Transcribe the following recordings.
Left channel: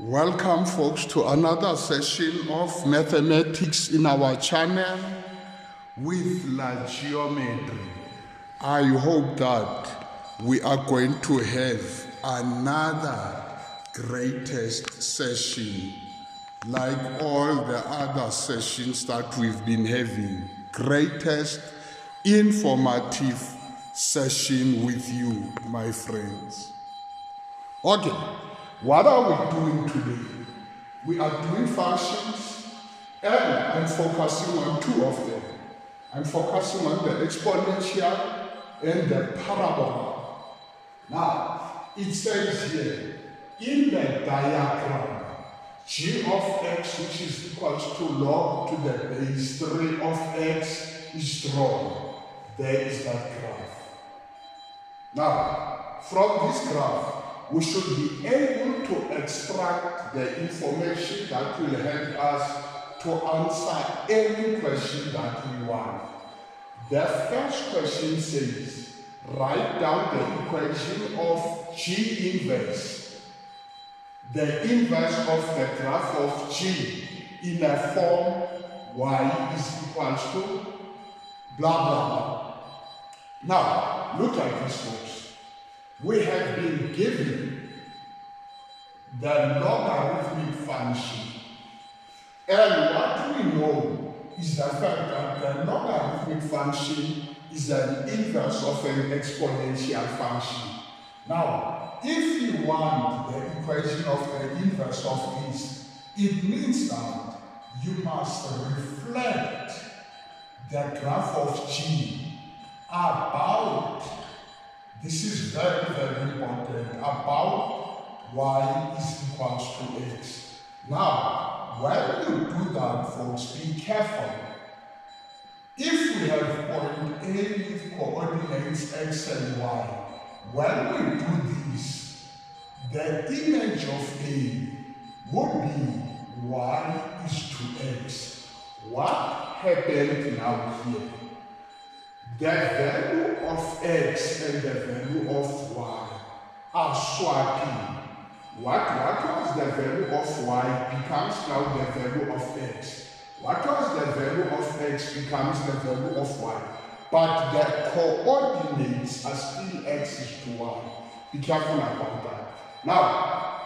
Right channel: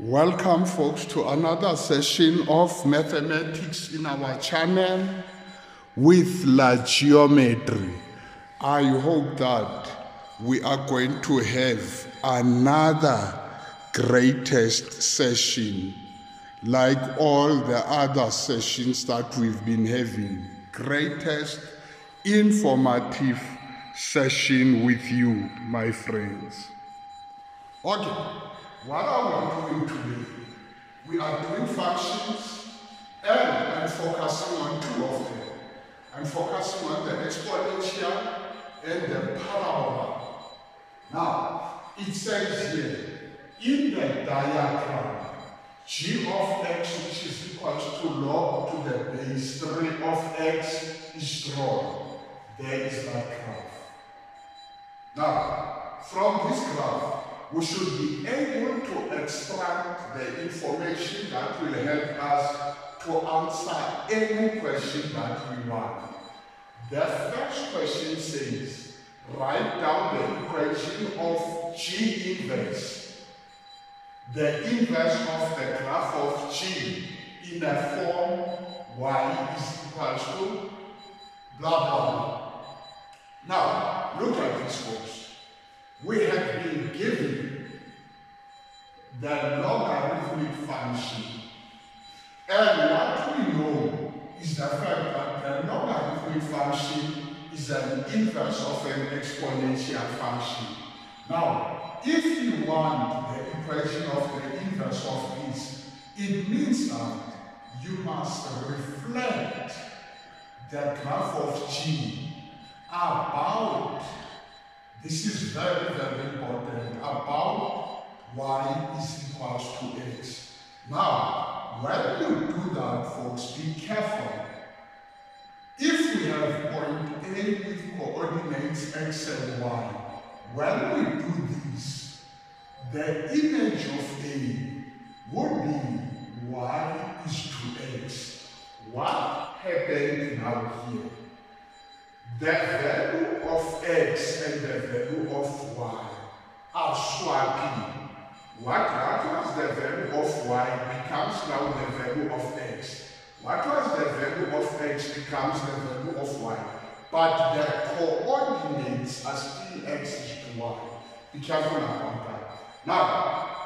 Welcome folks to another session of mathematics in our channel with La Geometry. I hope that we are going to have another greatest session like all the other sessions that we've been having. Greatest informative session with you, my friends. Okay. What are we doing today? We are doing functions and I'm focusing on two of them. I'm focusing on the exponential and the parabola. Now, it says here, in the diagram, g of x, which is equal to log to the base 3 of x, is drawn. There is that graph. Now, from this graph, we should be able to extract the information that will help us to answer any question that we want. The first question says, write down the equation of G inverse, the inverse of the graph of G in a form y is equal to blah blah blah. Now, look at this, folks. We have been given the logarithmic function, and what we know is the fact that the logarithmic function is an inverse of an exponential function. Now, if you want the equation of the inverse of this, it means that you must reflect the graph of G about, this is very, very important, about y is equals to x. Now, when you do that, folks, be careful. If we have point A with coordinates x and y, when we do this, the image of A would be y is to x. What happened now here? The value of x and the value of y are swapping. What was the value of y becomes now the value of x. What was the value of x becomes the value of y. But the coordinates are still x is to y. Be careful about that. Now,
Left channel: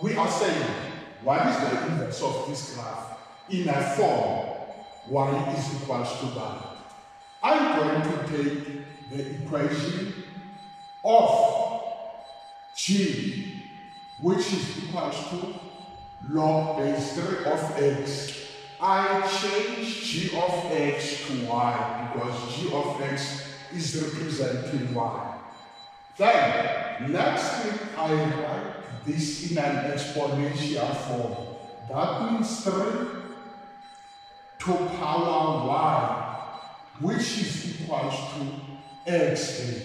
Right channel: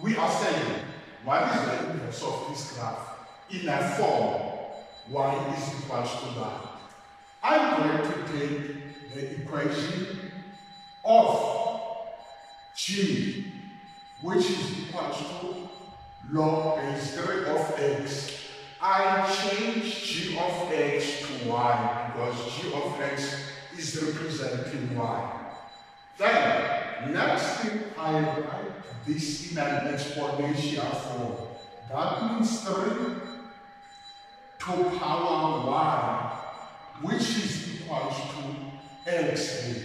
we are saying, what is the inverse of this graph? In a form, y is equal to that. I'm going to take the equation of G, which is equal to log base 3 of x. I change G of x to y because G of x is representing y. Then, next thing, I write this in an exponential form. That means 3 to power y, which is equal to xa.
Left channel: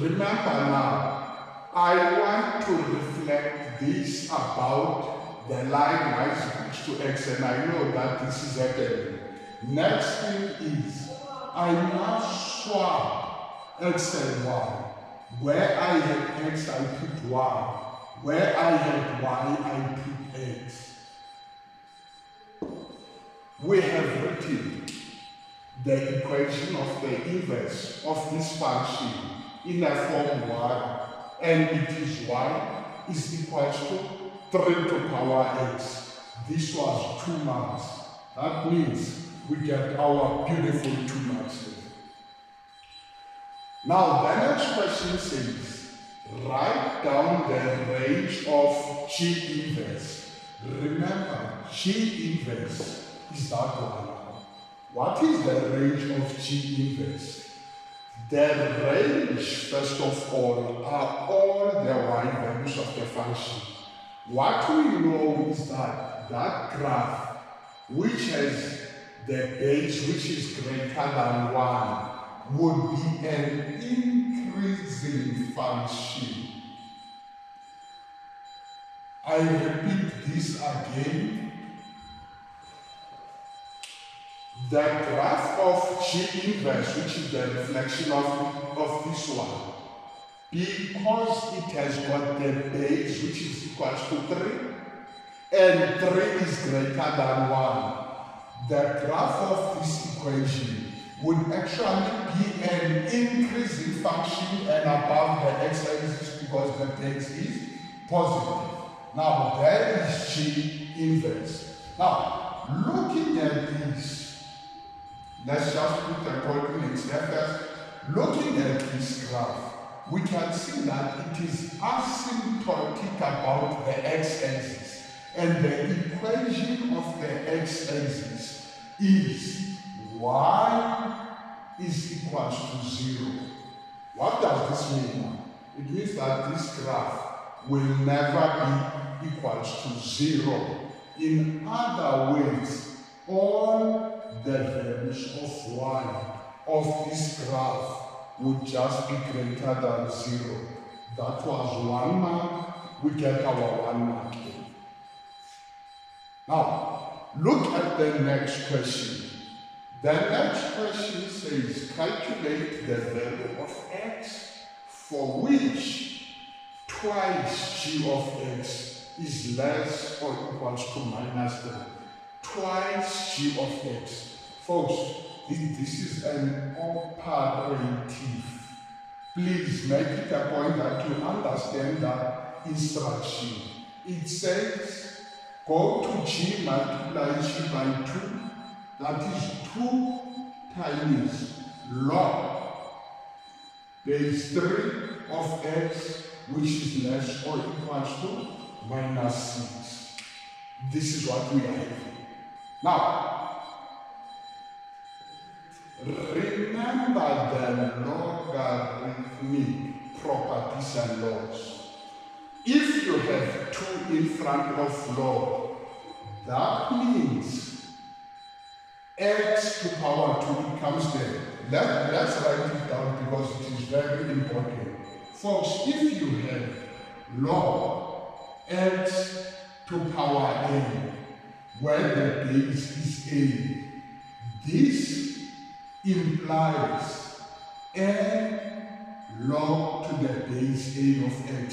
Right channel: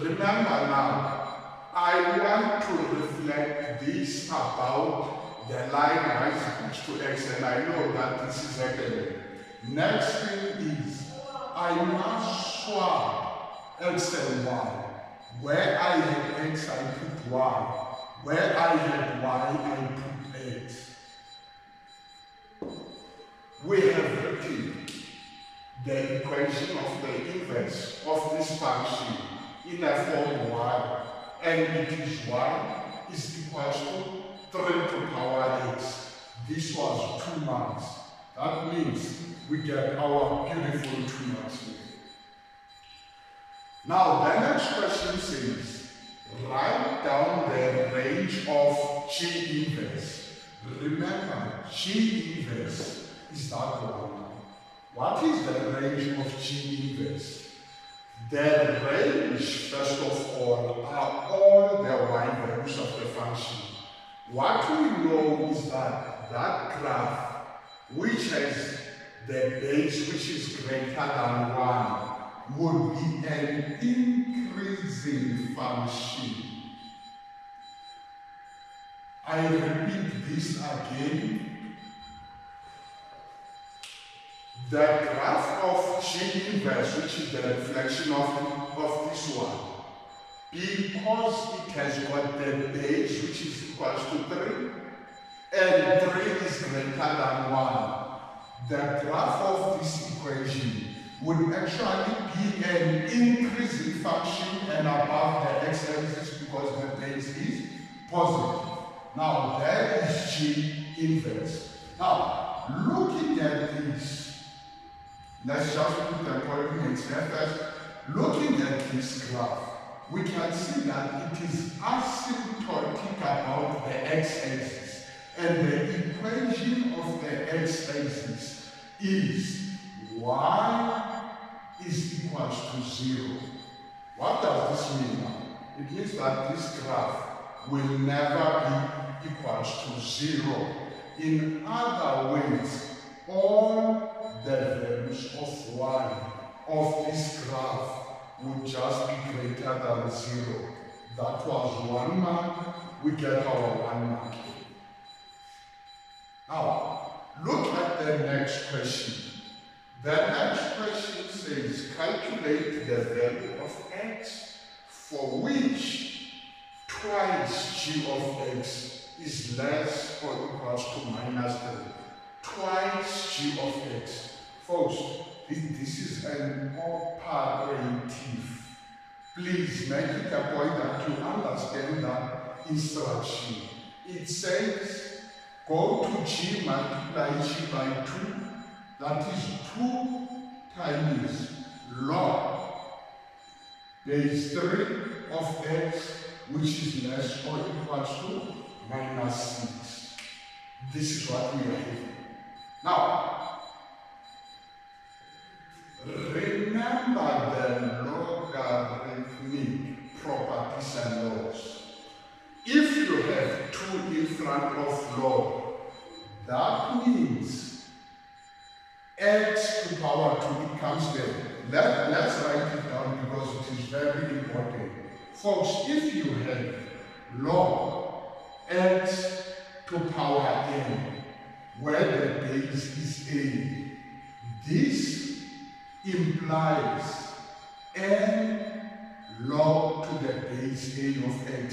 Remember now, I want to reflect this about the line y is equal to x, and I know that this is happening. Next thing is, I must swap x and y. Where I had x, I put y. Where I had y, I put x. We have written the equation of the inverse of this function in a form y, and it is y is equal to 3 to power x. This was 2 marks. That means we get our beautiful 2 marks here. Now the next question says, write down the range of G inverse. Remember, G inverse is that one. What is the range of G inverse? The range, first of all, are all the y values of the function. What we know is that that graph, which has the base which is greater than 1, would be an increasing function. I repeat this again. The graph of G inverse, which is the reflection of this one, because it has got the base which is equal to 3, and 3 is greater than 1, the graph of this equation would actually be an increasing function and above the x-axis because the base is positive. Now that is G inverse. Now looking at this, let's just put the coordinates there first. Looking at this graph, we can see that it is asymptotic about the x-axis, and the equation of the x-axis is y is equal to 0. What does this mean now? It means that this graph will never be equal to 0. In other words, all the values of y of this graph would just be greater than 0. That was 1 mark. We get our 1 mark here. Now, look at the next question. The next question says, calculate the value of x for which twice g of x is less or equals to minus 3. Twice g of x. Folks, this is an operative. Please make it a point that you understand that instruction. It says, go to g multiply g by 2. That is 2 times log base 3 of x, which is less or equals to minus 6. This is what we are having. Now, remember the logarithmic properties and laws. If you have 2 in front of log, that means x to power 2, it comes there. Let's write it down because it is very important. Folks, if you have log x to power n, where the base is a, this implies n log to the base a of x.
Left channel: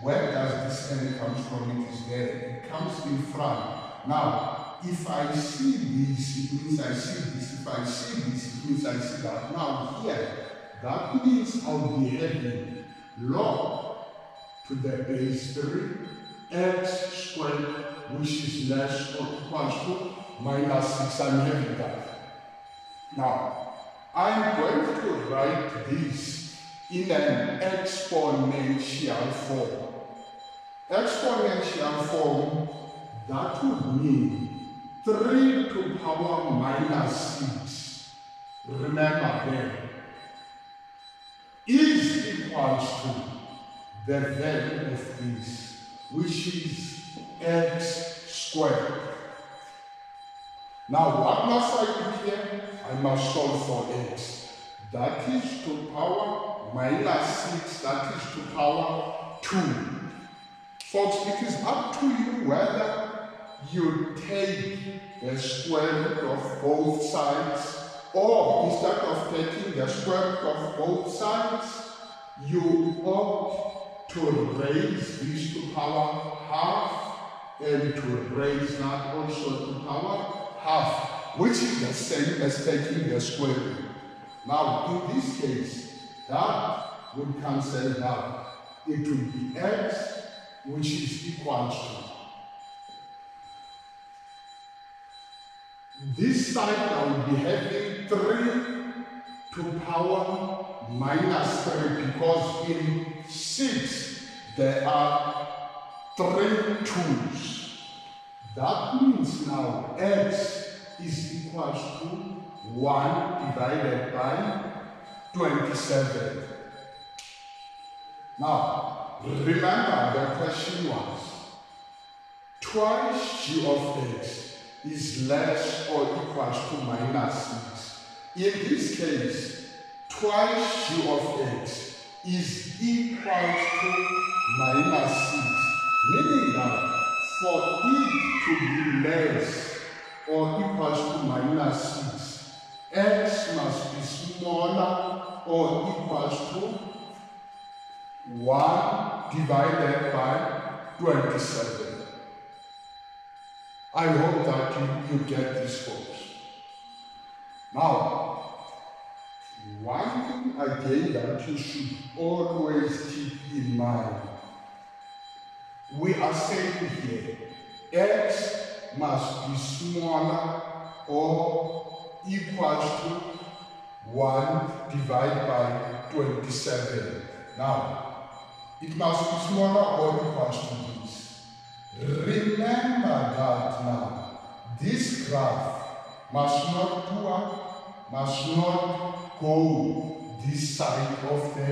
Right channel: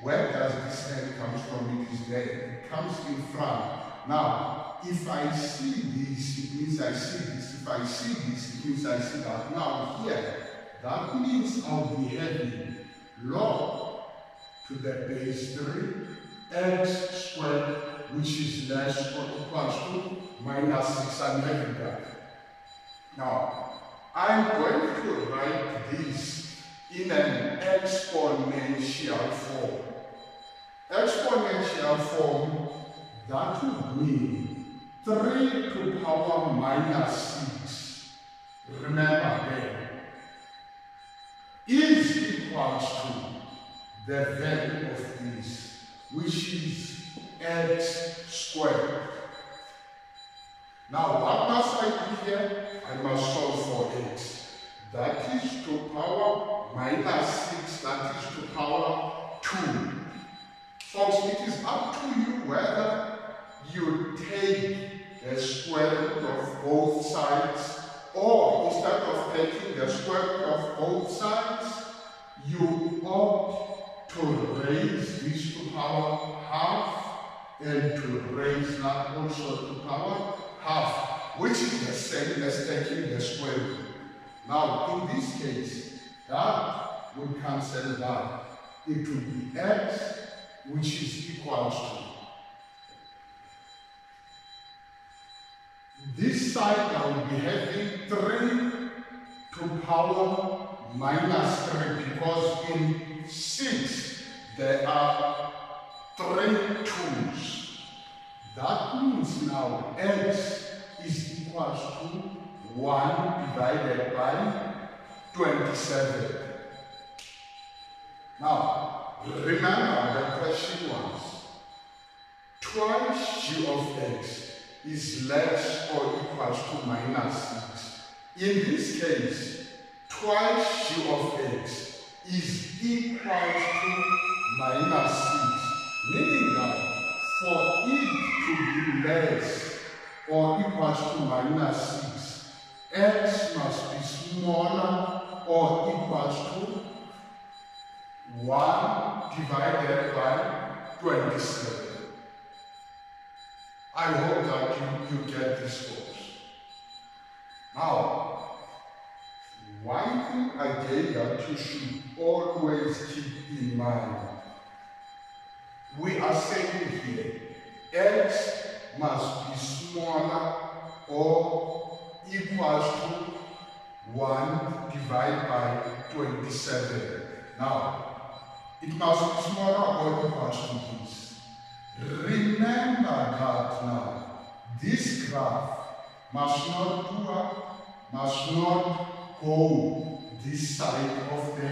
Where does this n come from? It is there. It comes in front. Now, if I see this, it means I see this. If I see this, it means I see that. Now here, that means I'll be having log to the base 3 x squared, which is less or equals to minus 6. I'm having that. Now, I'm going to write this in an exponential form. Exponential form, that would mean 3 to power minus 6, remember then, is equals to the value of this, which is x squared. Now, what must I do here? I must solve for x. That is to power minus 6, that is to power 2. Folks, it is up to you whether you take the square root of both sides, or instead of taking the square root of both sides, you opt to raise this to power half and to raise that also to power half, which is the same as taking the square root. Now, in this case, that would cancel that. It would be x, which is equal to this side. I will be having 3 to power minus 3 because in 6 there are 3 2's. That means now x is equal to 1 divided by 27. Now, remember the question was, twice g of x is less or equals to minus 6. In this case, twice g of x is equal to minus 6, meaning that for it to be less or equals to minus 6, x must be smaller or equals to 1 divided by 27. I hope that you get this, folks. Now, one thing again that you should always keep in mind. We are saying here, x must be smaller or equals to 1 divided by 27. Now, it must be smaller or equals to this. Remember that now, this graph must not go this side of the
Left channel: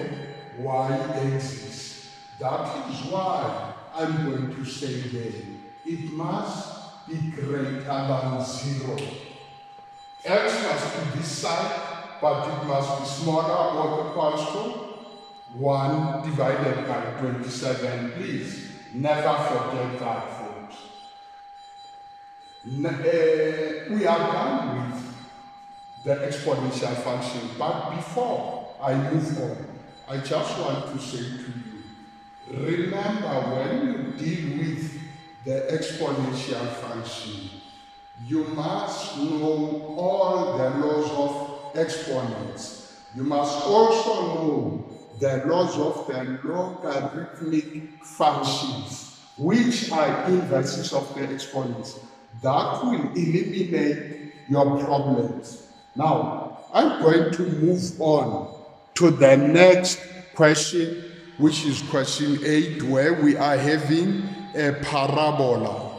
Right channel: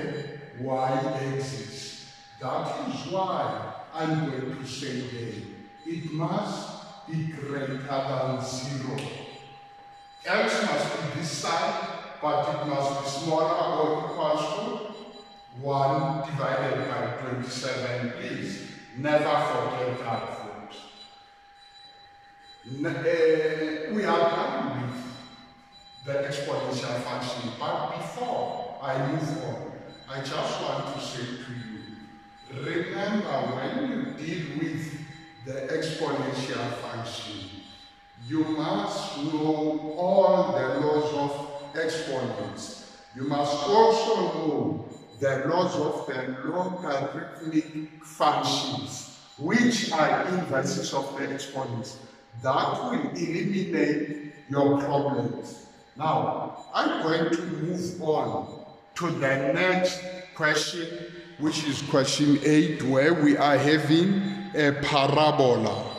y-axis. That is why I'm going to say there, it must be greater than 0. X must be this side, but it must be smaller or equals to 1 divided by 27. Please never forget that, folks. We are done with the exponential function, but before I move on, I just want to say to you, remember when you deal with the exponential function, you must know all the laws of exponents. You must also know the laws of the logarithmic functions, which are inverses of the exponents. That will eliminate your problems. Now, I'm going to move on to the next question, which is question 8, where we are having a parabola.